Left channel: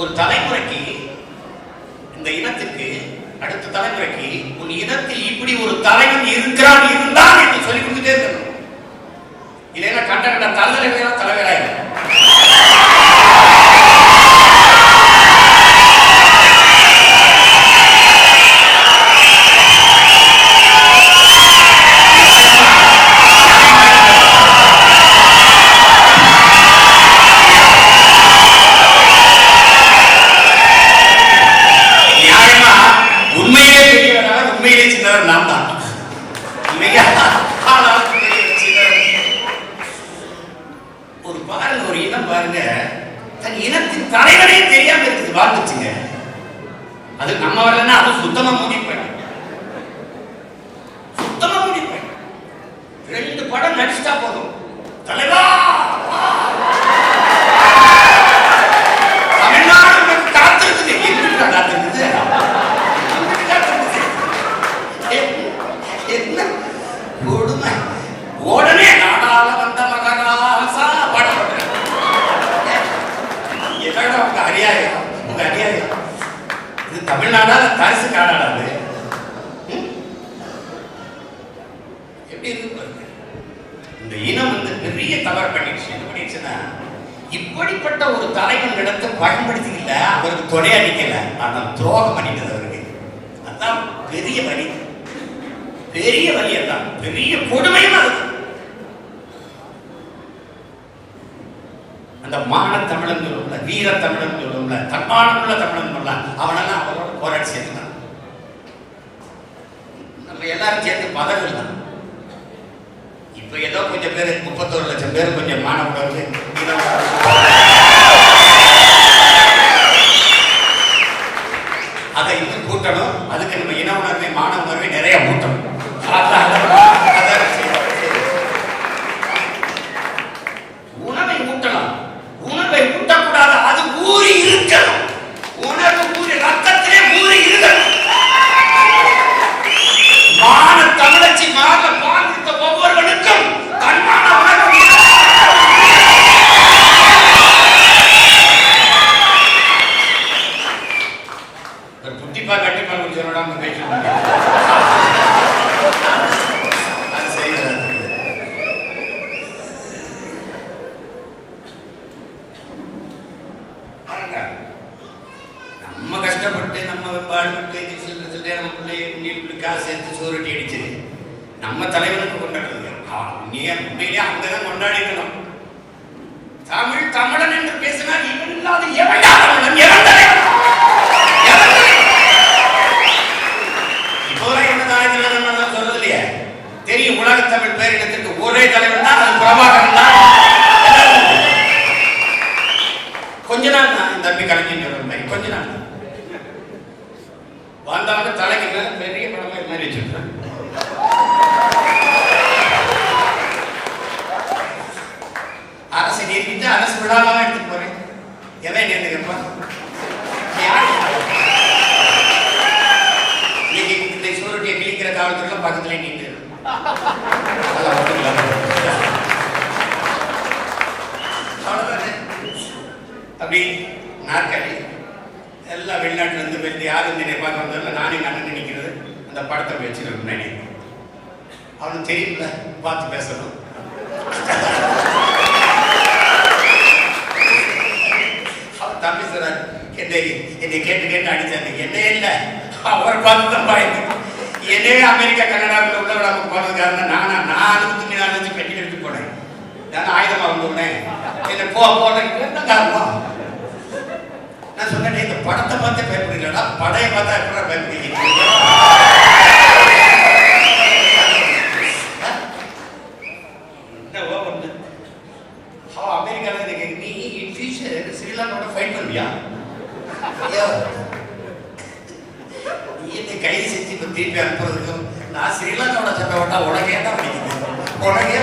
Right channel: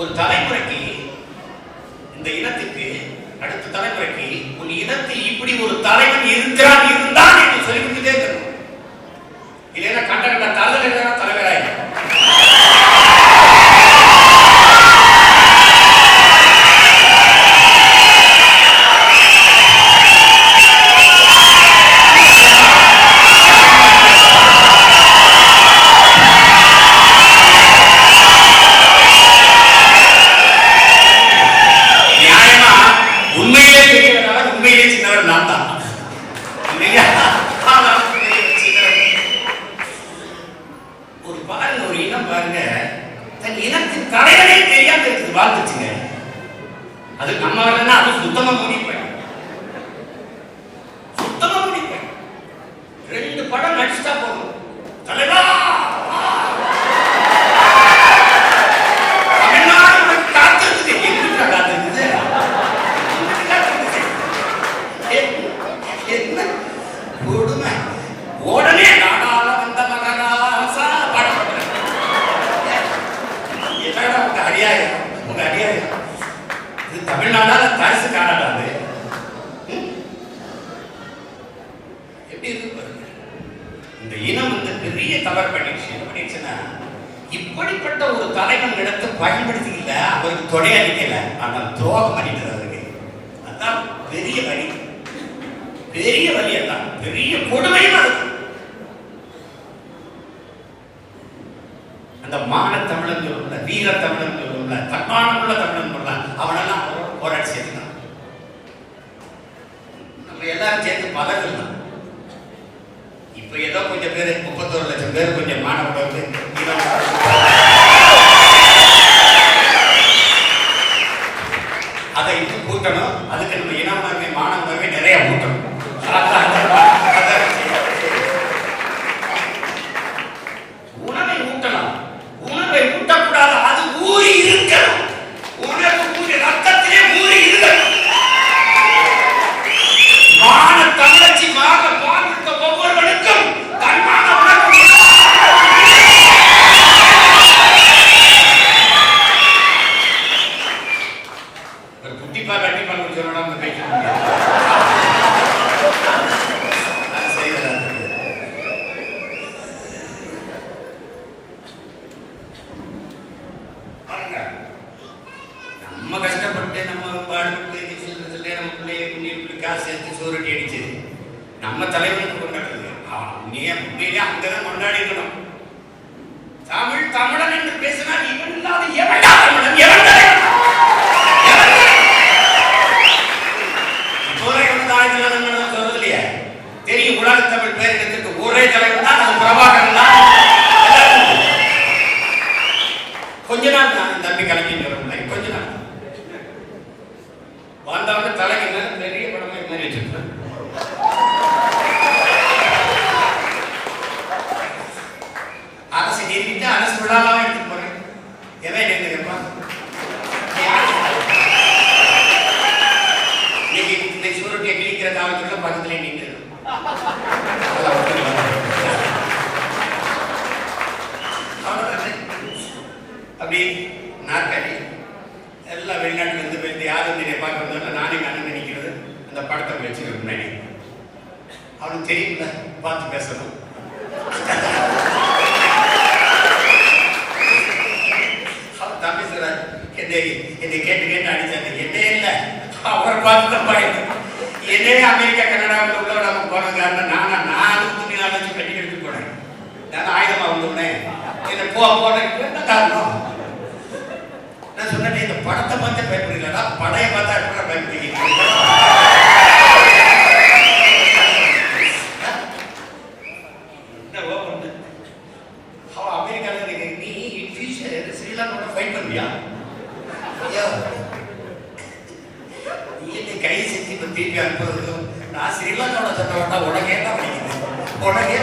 ஒரு தலைமுறைக்கு, இந்த இனத்துக்கு அடுத்த தலைமுறைக்கு ஒரு இனத்தில் இப்படி ஒரு தலைவன் இருக்கிறான் இருந்தான் என்று சொல்லி கொடுத்துட்டே இருக்கணும். இல்லைன்னா கண்ட கண்ட தலைவராக தலைவராக பாருங்க, தன் இனத்தின் தலைவனே தெரியாம இருக்குது வாழ்ந்துச்சுங்க. அது நம்ம வரலன்னா அது சுத்தமா முடிப்பேன், சுத்தமா முடிப்பேன். 2 படம் நடிச்சுட்டா போதும், தலைவா தமிழ்நாடு காத்திருக்குது. எப்படி காத்திருக்குது? என்ன கொடுமை! உடனே நாடாள வந்த மகராசா படம் உங்க அடியாயம், உங்க அடியாயம். இது தமிழ்நாடா தரிசு காடாது? எப்படி இருக்கு? இந்த இனம் வந்து பெரிய தவறு பண்ணிடுச்சு. என்ன பண்ணிடுச்சுன்னா, இப்படிப்பட்ட ஒரு தலைவன் இடத்தை பயன்படுத்திக்கல, அவருக்கு தொடைய அடிக்கல, ஆனால் துரோகம் பண்ணிக்கிறது அவருக்கு. அதான் பெரிய வழி, பெரிய வழி, அதான் பெரிய கொடுமையும் அது. அந்த மான தமிழன் சொல்லும்ல, வீர தமிழன் சொல்லும்ல, தன்மானமுள்ள தமிழன் சொல்லலாம், அவனெல்லாம் அவரோட போராடி சேர்ந்தான். நம்ம எல்லாரும் சேர்ந்து பதவிதான். இப்ப ஏதோ கொஞ்சம் பேர் 31 லட்சம் பேர் கொஞ்சம் மாணவர்கள் அதை இன்னும் கூட்டணும். அதுக்கு நம்ம இன உணர்வை, மாணவ உணர்வை நிறைய கூட்டணும். உணவை ஊட்டலாம், உணவை ஊட்டக்கூடாது, அது ஊறி இருக்கணும். உணவு ஊறி ரத்தத்திலே ஊறி இருக்கணும். மான தமிழச்சி மாக வாழ்ந்த ஒவ்வொருவனுக்கும் தன்மான உணர்வு. ஒரு குட்டிப்பா கட்டிப்பா சொல்லலாம் பேச நம்ம கஷ்டப்பட்டு நம்ம வாழ்க்கை காசு சேர்த்து சோறுட்டி அடிச்சு நம்ம தலைவனுக்கு கொண்டாடுறது. உண்மையிலே அங்கதான் கொண்டாடிக்கணும். தமிழ் தமிழன் என்று பேசினால் இவன் இல்லாத எவன்டா தமிழன்? எவன் தலைவன்? இப்போதான் எவனதான் சொல்றது இல்லையா? தெரியும், உலக தமிழ் பேரிடத்திற்கு ஒரே தலைவன் தான், அது பிரபாகரன் தான். கொஞ்ச நாள் தான் தம்பி கலைஞர் மாதிரி, கொஞ்ச நாள் வந்தவங்க தலைக்கு பெரிய படமா மாதிரி வச்சிருக்கேன். அரசு நீதிட்டு அரசு விழாவாக எடுத்துட்டு போறேன். எவன் நினைப்பா இன்னைக்கு சூரட்டியை கிழிக்கிற காலத்துல பக்கத்துல நீங்க அப்படி நாற்காலி எல்லாம் வெளிநாட்டுல இருந்து போய் யாரும் வந்து பார்க்க வந்தாலும் நானே கண்ணு நினைக்கிறது அந்த படத்தை வச்சுக்கிறேன் முன்னாடி. அவனுக்கு தெரியும்ல, பார்த்து பேசணும். அவர் தம்பி சொல்றாரு, என்னை கேட்டு அடிச்சாரு. என்ன இல்லை, அவர் பார்த்து தான் பாருங்க. என்னே அமெரிக்கா கனடாவில் உள்ள நம்ம போனது காரணம் நான் துணி வச்சு கட்டி எடுத்து போனேன். நான் ஆயுதமா வந்துள்ளேன். என்ன போன காரணம் நான் சொன்னேன், இந்த படத்தை பார்த்தே பயப்படுறீங்களா? படையை பார்த்தா எப்படி பயப்படுறீங்க? அமெரிக்காவில் நீ இன் ஃபியூச்சர் ஸ்ரீலங்கோட ஃபைட் பண்ணுவியா? நீ என்னை கை செஞ்சு இப்போ திருப்பி அனுப்புறதுக்கும் நான் ஸ்ரீலங்காவோட சட்டை ஓட்டா உடனே தான் படிக்குது, உடனே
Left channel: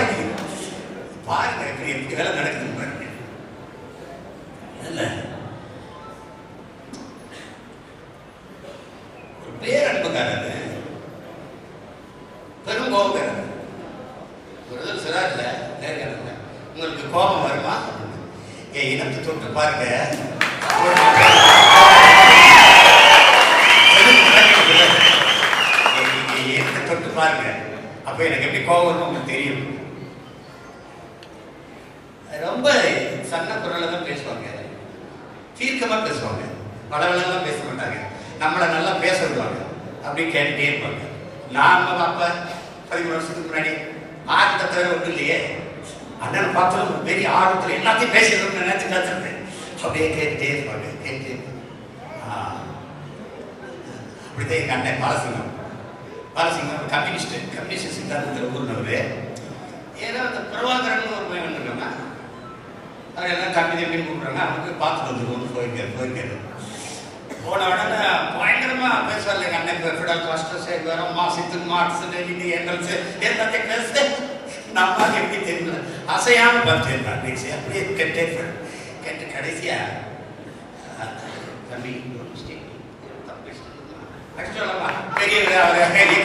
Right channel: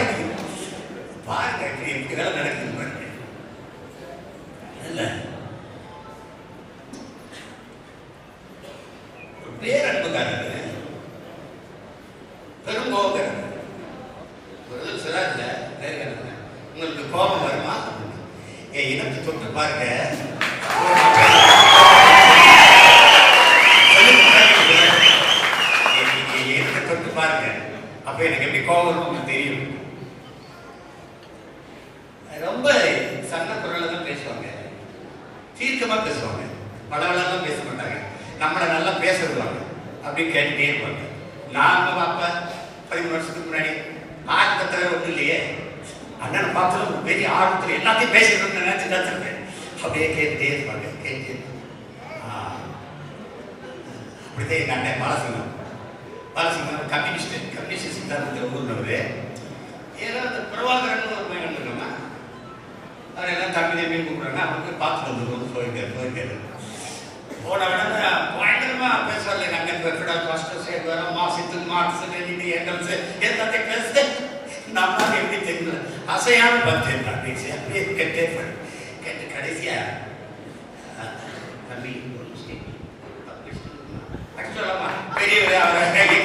பாருங்க எப்படி வேலை நடக்குது இல்லை. பேரன்புக்காரர், பெரும் கோபக்காரர். சொல்றாருல, உங்களுக்கு கோபம் வருமா? என் இனத்தை தொட்டு பாருங்க. அப்போ எனக்கு எப்படி கோபம் உங்களுக்கு தெரியும். ரொம்ப சன்ன குரல்ல தான் பேசுவாங்க, தீர்க்கமா பேசுவாங்க, பலவெல்லாம் பேச மாட்டாங்க, நம்மளை நல்லா பேச விடுவாங்க, அப்படி கேட்டுட்டே இருப்பாங்க. நாம அப்பா 10 வருஷத்துக்கு முன்னாடி ஆர்வத்தை தவிர ஒன்றும் இல்லையே, அண்ணனை பார்த்தாலும் ஒரு பெரிய ஆர்வத்தில் எல்லாத்தையும் பேசணும்னு நினைச்சு கற்றுருக்கேன். அப்படியே கேட்டுட்டே இருப்பாங்க, கேட்டு அப்படிதான் எங்கள் அண்ணன் பாலசிங்கம் கம்யூனிஸ்ட் சித்தாந்தத்தில் ஊர்னவர். ஏன்னா அந்த பிரபாகரன் ஒரு பையன் வந்துருக்கோம்னா அவர் எல்லாம் தம்பி கூப்பிட்றாங்க, அவருக்கு பார்த்து வந்துருவோம்னு போயிருக்காரு. போன உடனே பயங்கரமா பேசுவார் எங்கள் அண்ணன். ஃபெடரல் மாஸ்டர்ஸ் வரோம்மா, சித்துமா, அடிச்சு எங்கல்ஸ் எல்லாத்தையும் பேச நம்மளால எப்படி தெரியல, அசையாம பார்த்துருந்தேன். பேசி அப்படியே கேட்டு கடைசியா தம்பி சொல்லலாமா பெரிய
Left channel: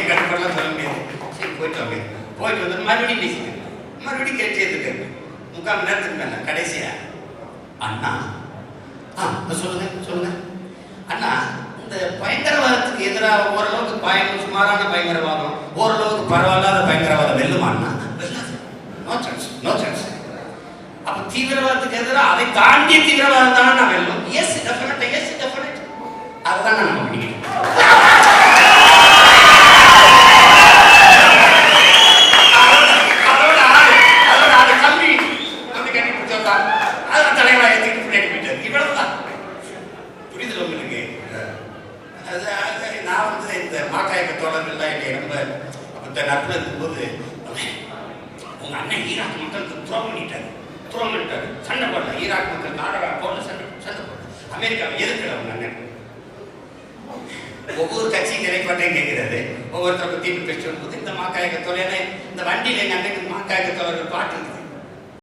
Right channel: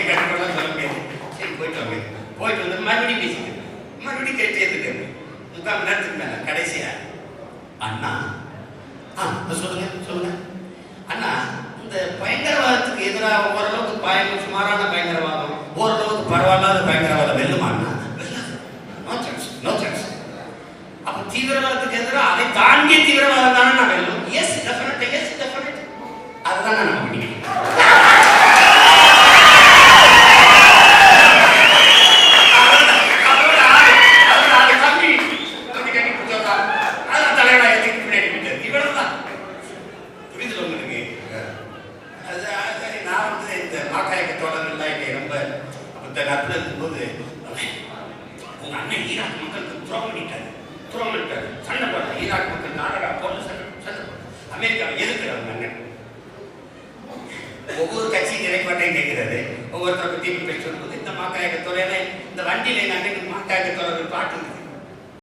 கட்டுக்கலாம் சொல்ல முடியாது. சரி போயிட்டு வந்து மறுபடியும் பேசிக்கிறேன், மறுபடியும் கேட்டே இருக்கு 3/4 மணி நேரத்துக்கு மேல. கடைசியா அண்ணா சொல்லுங்க அண்ணா, இந்த பயங்கரவாதத்துக்கு எதிராக ஓரளவுக்கு சுமாரான பயங்கரவாதம், ஓரளவுக்கு பரவாயில்லாத பயங்கரவாதம் வெல்லுமா அண்ணா? No chance. அப்ப தீவிரவாதத்துக்கு எதிராக அதை தாண்டிய தீவிரவாதம் தானே நான் வெல்லும். எஸ் டெஃபினட் அதுதான் நான் பண்ணிக்கிறேன். நட்பு இருக்கும்போது உங்க அண்ணன் ஈராக் மக்களுக்கு துரோகம் பண்ணிட்டாரு, சண்டை போடல. ஈராக் மக்கள் நாடா போட்டு சண்டை போட அமெரிக்காவை எதிர்க்கிற அவங்க அண்ணன். ஒவ்வொரு கட்சியும் நிலைப்பாட்டையும் கேட்கிறாரு, ஒவ்வொருத்தரை பற்றி பேச்சு வரும்போது இந்த மாக்காயக்கத்தோட இந்த வண்டியில் எங்கள் அண்ணனுக்கு மாக்காயக்கத்தோட பாட்டு இருக்குது.